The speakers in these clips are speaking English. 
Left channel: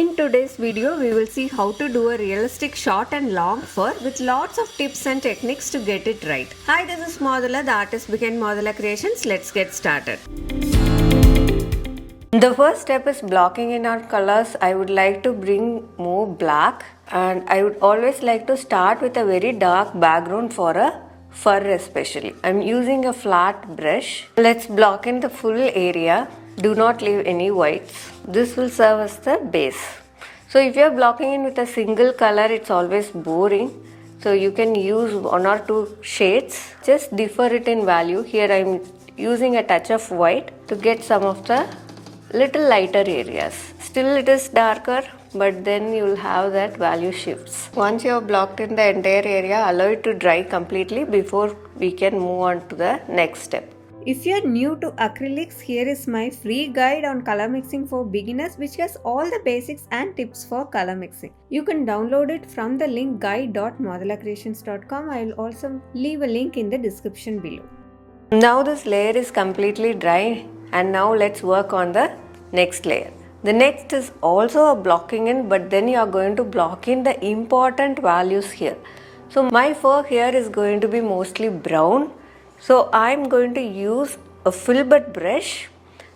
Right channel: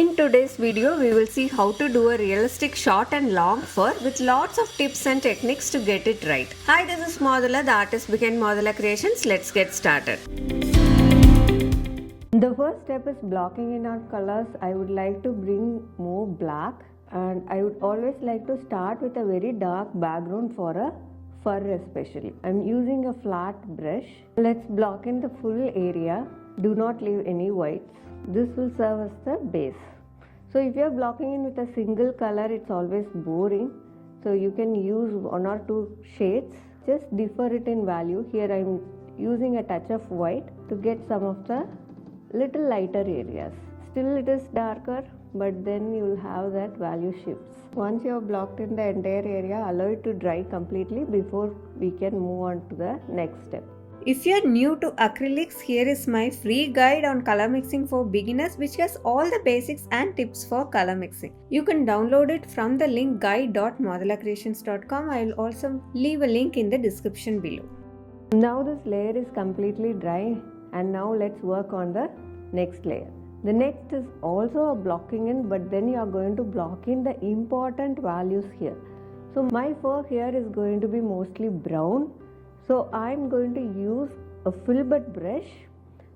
In today's video, we will see how to do a realistic short and long fur with lots of tips and techniques to get it right. Hi, this is Modula, the artist behind Modula Creations. Let's get started. The first step is blocking in our colors. I would like to bring more black, and I would always like to start with a very dark background for a fur especially. I'm using a flat brush. Let's block in the full area. Do not leave any whites. This will serve as the base. So if you are blocking in with a single color, it's always boring. So you can use one or two shades. Just differ it in value. Here I'm using a touch of white to get some of the little lighter areas. Still it is darker, but then you will have that value shifts. Once you have blocked in the entire area, allow it to dry completely before we can move on to the next step. If you are new to acrylics, here is my free guide on color mixing for beginners, which has all the basics and tips for color mixing. You can download it from the link guide.modulacreations.com. I will also leave a link in the description below. Now this layer is completely dry, and now let's work on the next layer. The next is also a blocking in, but then you are going to block in the important values here. So my fur here is going to be mostly brown. So I'm going to use a filbert brush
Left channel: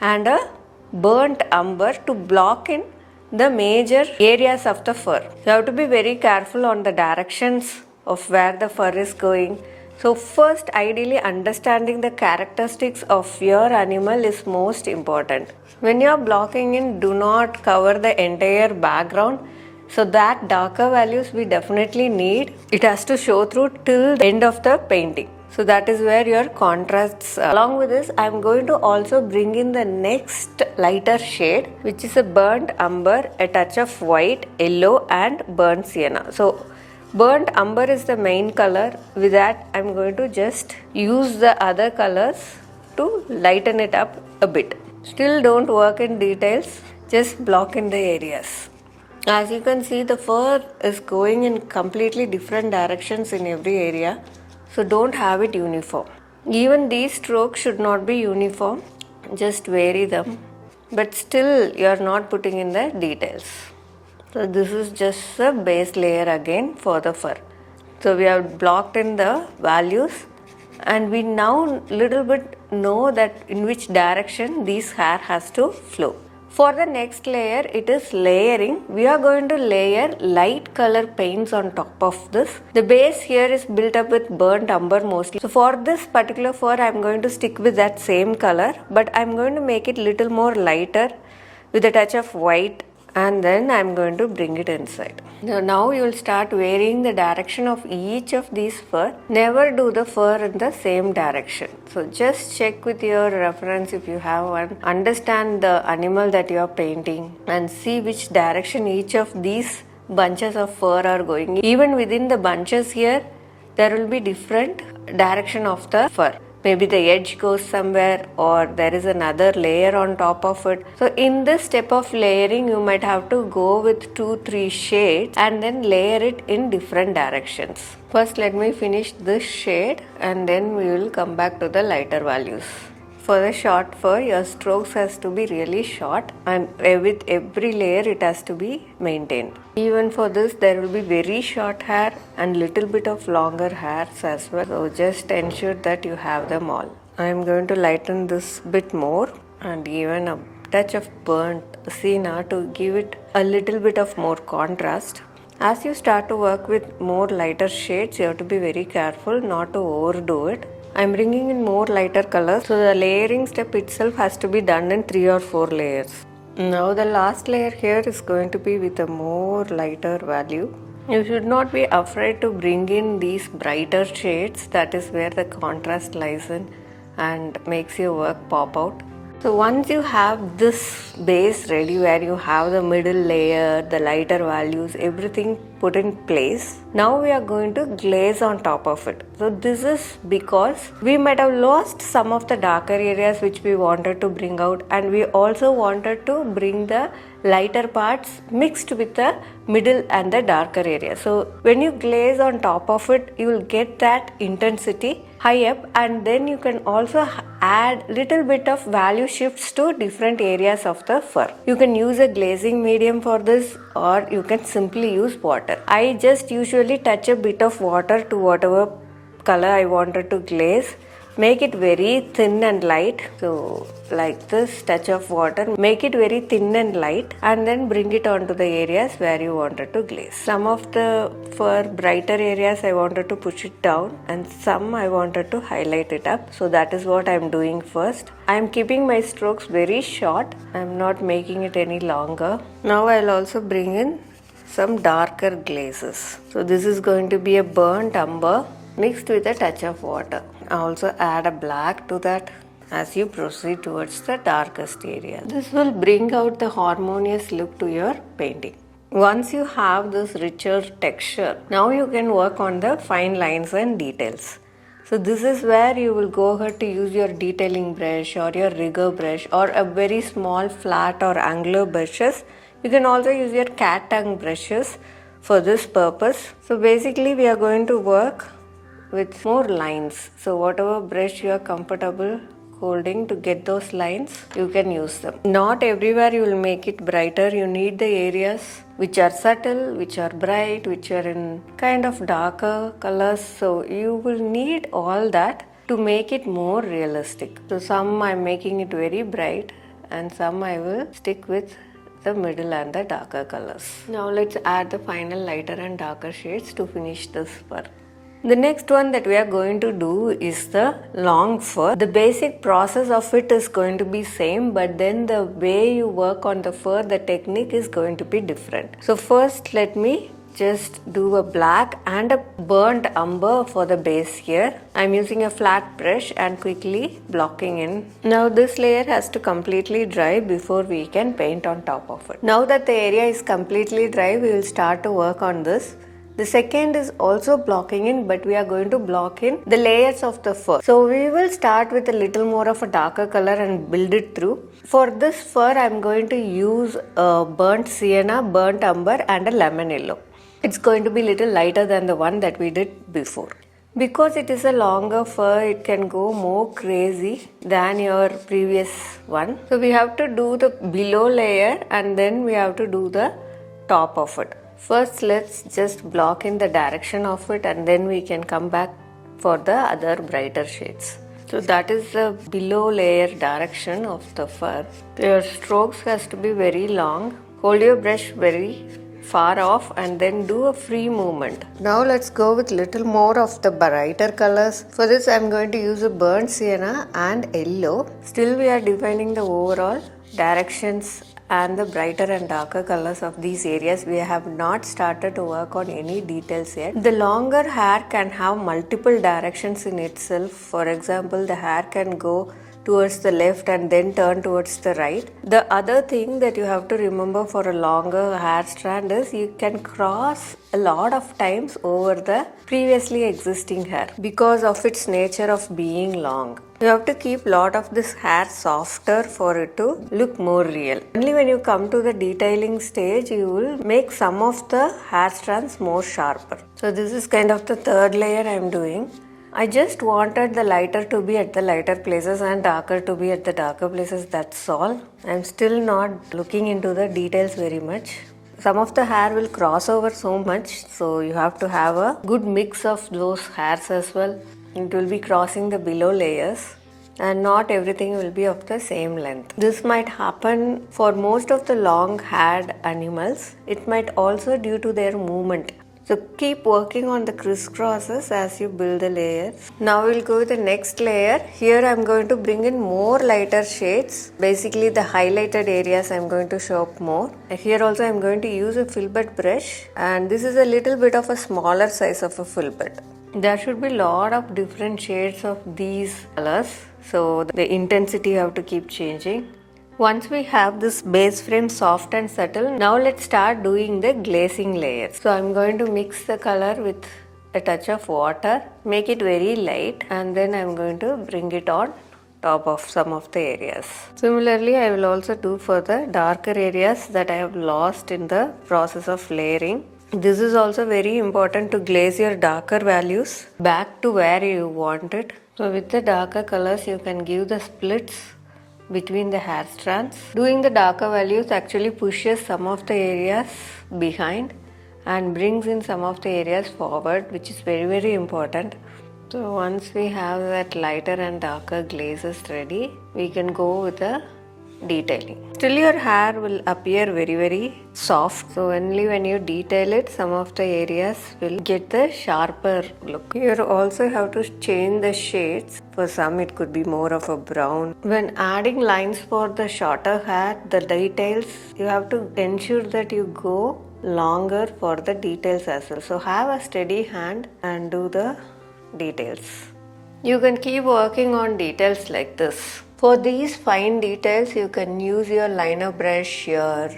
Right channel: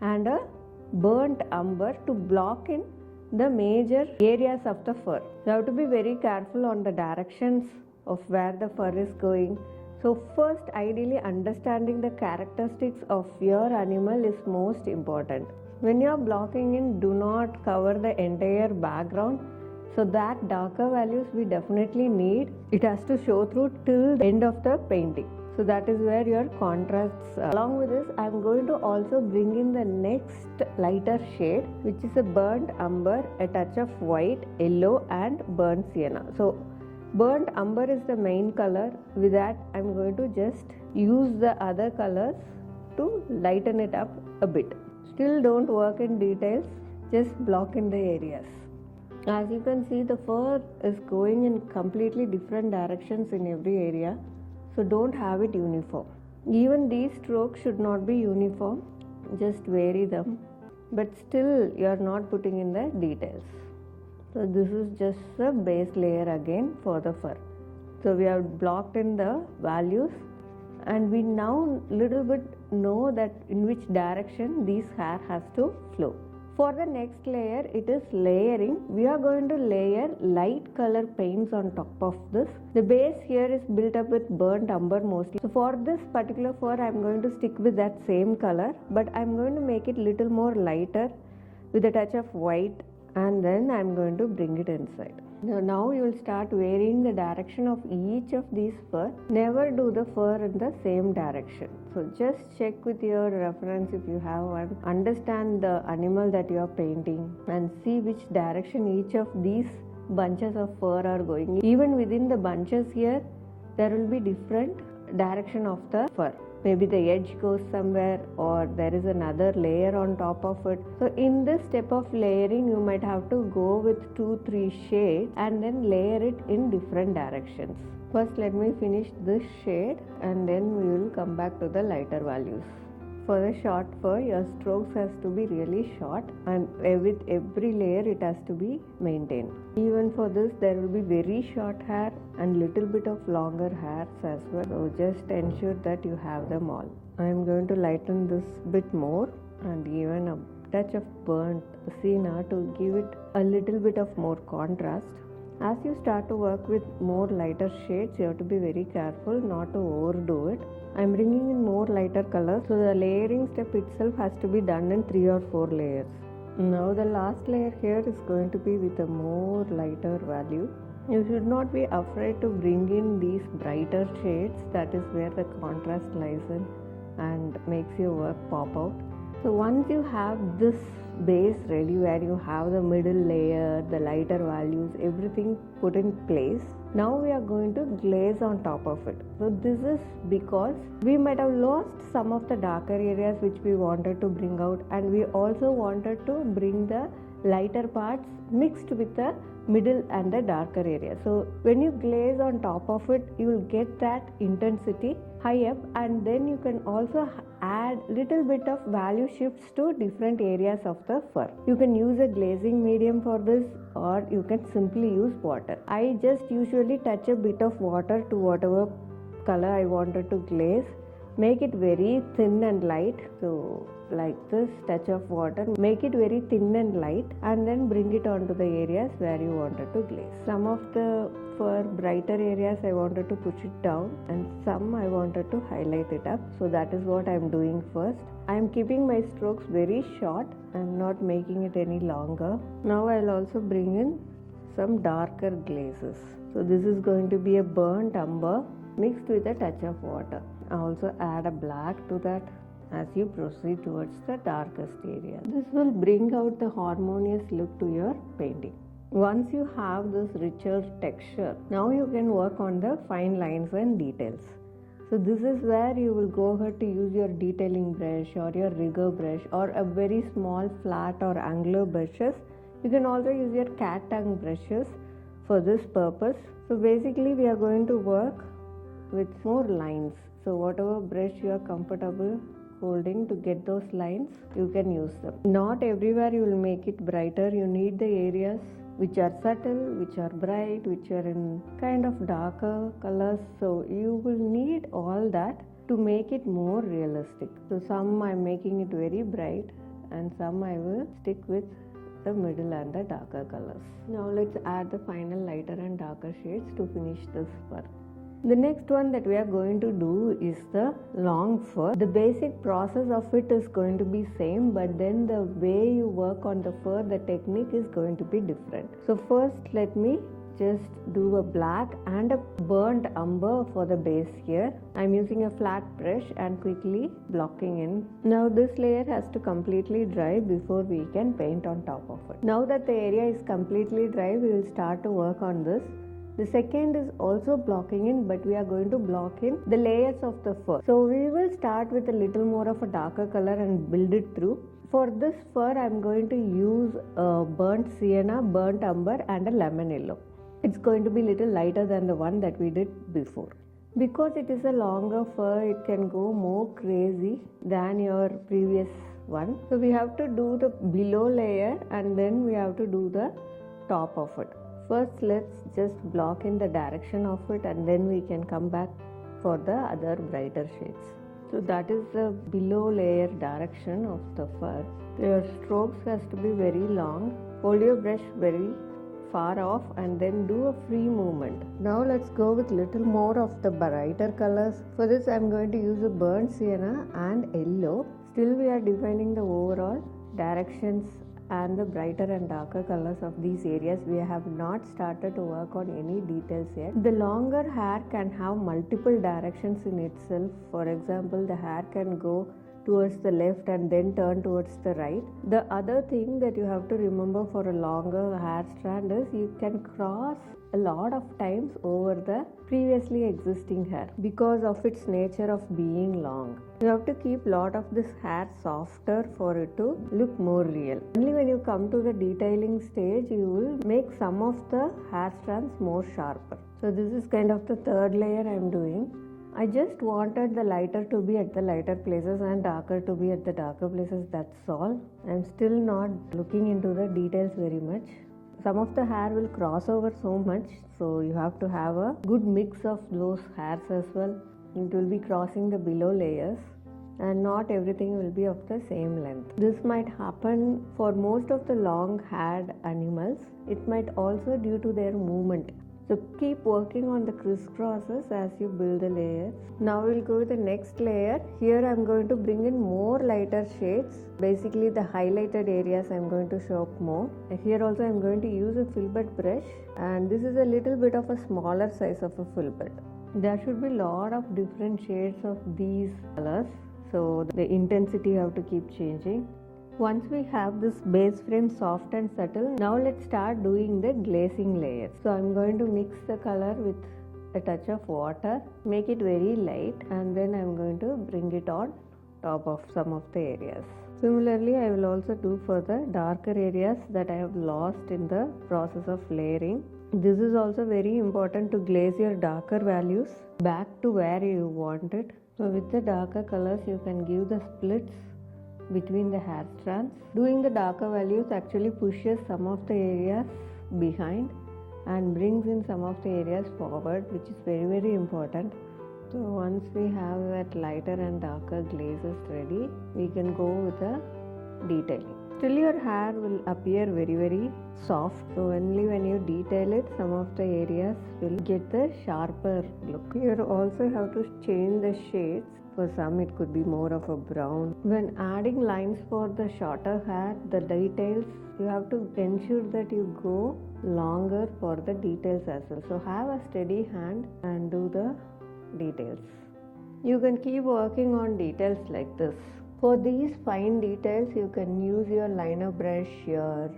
and a burnt umber to block in the major areas of the fur. You have to be very careful on the directions of where the fur is going. So first, ideally understanding the characteristics of your animal is most important. When you are blocking in, do not cover the entire background. So that darker values we definitely need. It has to show through till the end of the painting. So that is where your contrasts are. Along with this, I am going to also bring in the next lighter shade, which is a burnt umber, a touch of white, yellow and burnt sienna. So burnt umber is the main color. With that, I am going to just use the other colors to lighten it up a bit. Still don't work in details, just block in the areas. As you can see, the fur is going in completely different directions in every area. So don't have it uniform. Even these strokes should not be uniform. Just vary them. But still you are not putting in the details. So this is just a base layer again for the fur. So we have blocked in the values, and we now little bit know that in which direction this hair has to flow. For the next layer, it is layering. We are going to layer light color paints on top of this. The base here is built up with burnt umber mostly. So for this particular fur, I am going to stick with that same color, but I am going to make it little more lighter with a touch of white, and then I am going to bring it inside. Now you will start varying the direction of each of these fur. Never do the fur in the same direction. So just check with your reference if you have one. Understand the animal that you are painting and see which direction each of these bunches of fur are going. Even within the bunches here, there will be different direction of the fur. Maybe the edge goes somewhere, or there is another layer on top of it. So in this step of layering, you might have to go with 2-3 shades and then layer it in different directions. First, let me finish this shade and then we will come back to the lighter values. For the short fur, your strokes has to be really short, and with every layer it has to be maintained. Even for this, there will be very short hair and little bit of longer hairs as well. So just ensure that you have them all. I am going to lighten this bit more and even a touch of burnt sienna to give it a little bit of more contrast. As you start to work with more lighter shades, you have to be very careful not to overdo it. I'm bringing in more lighter colors, so the layering step itself has to be done in 3 or 4 layers. Now the last layer here is going to be with a more lighter value. You should not be afraid to bring in these brighter shades. That is where the contrast lies in and makes your work pop out. So once you have this base ready, where you have the middle layer, the lighter values, everything put in place, now we are going to glaze on top of it. So this is because we might have lost some of the darker areas which we wanted to bring out, and we also wanted to bring the lighter parts mixed with the middle and the darker area. So when you glaze on top of it, you will get that intensity high up, and then you can also add little bit of value shifts to different areas of the fur. You can use a glazing medium for this, or you can simply use water. I just usually touch a bit of water to whatever color I wanted to glaze. Make it very thin and light. So like this, touch of water, make it very thin and light, and then bring it onto the areas where you wanted to glaze. Some of the fur brighter areas I wanted to push it down, and some I wanted to highlight it up. So that is what I am doing first. I am keeping my strokes very short. I am not making it any longer. Now I'll also bring in some darker glazes. So this is going to be a burnt umber mixed with a touch of water. I also add a black to that as you proceed towards the darkest area. This will bring out the harmonious look to your painting. Once you have this richer texture, now you can work on the fine lines and details. So this is where you will go ahead to use your detailing brush or your rigger brush or a very small flat or angular brushes. You can also use your cat tongue brushes for this purpose. So basically we are going to work with more lines. So whatever brush you are comfortable holding to get those lines, you can use them. Not everywhere you will make it brighter. You need the areas which are subtle, which are bright, which are in kind of darker colors. So you will need all that to make it more realistic. So some I'm making it very bright, and some I will stick with the middle and the darker colors. Now let's add the final lighter and darker shades to finish this fur. The next one that we are going to do is the long fur. The basic process of it is going to be same, but then the way you work on the fur, the technique is going to be different. So first let me just do a black and a burnt umber for the base here. I'm using a flat brush and quickly blocking in. Now this layer has to completely dry before we can paint on top of it. Now that the area is completely dry, we will start to work on this. The second is also blocking in, but we are going to block in the layers of the fur. So we will start with a little more of a darker color and build it through. For this fur, I am going to use a burnt sienna, burnt umber and a lemon yellow. It's going to be little lighter than the one that we did before. Because it is a longer fur, it can go more crazy than your previous one. So we have to do the below layer and then we have to do the top of it. First, let's just block in the direction of it, and then we can come back for the other brighter shades. So that is the below layer direction of the fur. Your strokes has to be very long. Hold your brush very far off and then do a free movement. Now let's go with little more of the brighter colors. For this I am going to use a burnt sienna and yellow. Still we are defining the overall directions and the brighter and darker colors of these areas. We have not started to work on any details yet. The longer hair can have multiple directions in itself. For example, the hair can go towards the left and then turn towards the right. The other thing that you have to remember for a longer hair strand is you can cross a lot of times over the previously existing hair because of its nature of being long. You have to keep lot of this hair softer for it to look more real. Only when you come to the detailing stage, you will make some of the hair strands more sharper. So this is kind of the third layer I am doing. I just wanted the lighter to be at the lighter places and darker to be at the darker places, that's all. I'm still not looking into the details very much. Some of the hair will cross over so much, so you have to have a good mix of those hairs as well. It will be crossing the below layers and not everything will be of the same length. This might happen for most of the long haired animals. It might also due to their movement. So keep working on the crisscrosses as you build the layers. Now we'll go with the next layer. Here I'm going to bring in more lighter shades. Basically the highlighted areas I'm going to show up more. Here also I'm going to use a filbert brush, and this is a little bit of a smaller size of a filbert. There should be a lot of different shades of these colors, so the intensity you have to keep changing. Once we have this base frame soft and subtle, now let's start doing the glazing layers. So I'm going to mix the color with a touch of water, make it very light, and then I'm going to bring it on top of some of the areas. Similarly, I will also do for the darker areas that I have lost in the process of layering. This is also very important to glaze your darker values back to where you want it. So with the darker colors, you can give the splits between the hair strands. Doing the darker values actually pushes some of the areas behind and brings in some of the areas forward, which is very important. So once we have that lighter and darker glazes ready, we can go with the detailing. Still your hair will appear very soft, so only when you detail it, some of the areas will get the sharper look. You also have to change the shades. For some it could be more of a brown. When adding lines for the shorter hair, the details, you have to ensure that you go longer for the details as well. So have a steady hand and do the details. You can keep working on details like this. For these fine details, you can use your liner brush, your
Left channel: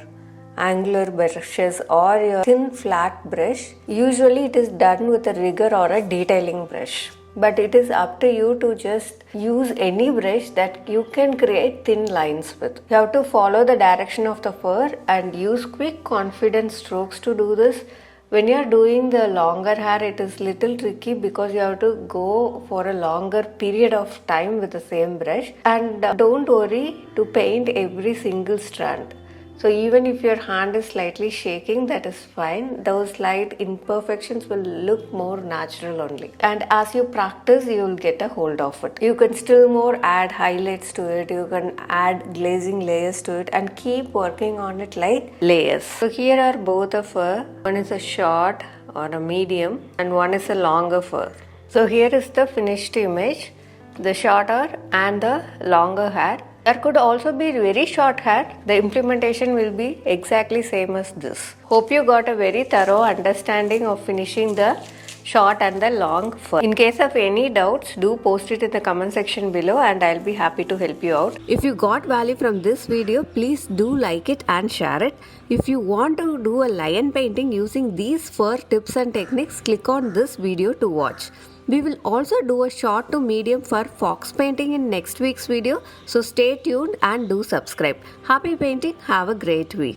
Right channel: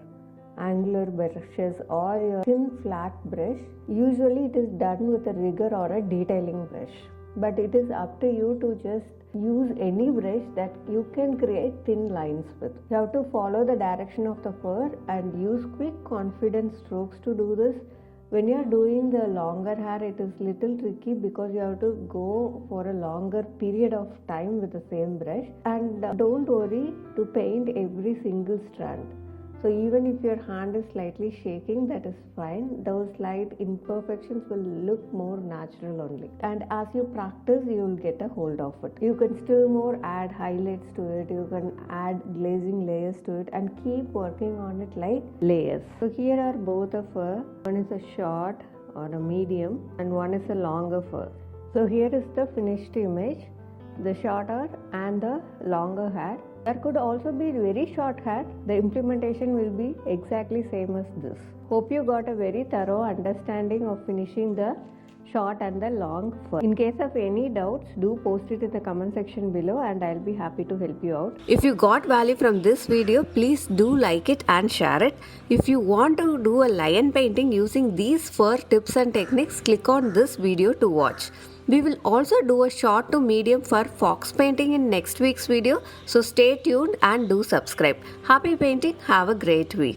angular brushes, or your thin flat brush. Usually it is done with a rigger or a detailing brush. But it is up to you to just use any brush that you can create thin lines with. You have to follow the direction of the fur and use quick confident strokes to do this. When you are doing the longer hair, it is little tricky because you have to go for a longer period of time with the same brush, and don't worry to paint every single strand. So even if your hand is slightly shaking, that is fine. Those slight imperfections will look more natural only. And as you practice, you will get a hold of it. You can still more add highlights to it. You can add glazing layers to it and keep working on it like layers. So here are both a fur. One is a short or a medium and one is a longer fur. So here is the finished image. The shorter and the longer hair. There could also be very short hair. The implementation will be exactly same as this. Hope you got a very thorough understanding of finishing the short and the long fur. In case of any doubts, do post it in the comment section below and I'll be happy to help you out. If you got value from this video, please do like it and share it. If you want to do a lion painting using these fur tips and techniques, click on this video to watch. We will also do a short to medium fur fox painting in next week's video, so stay tuned and do subscribe. Happy painting, have a great week.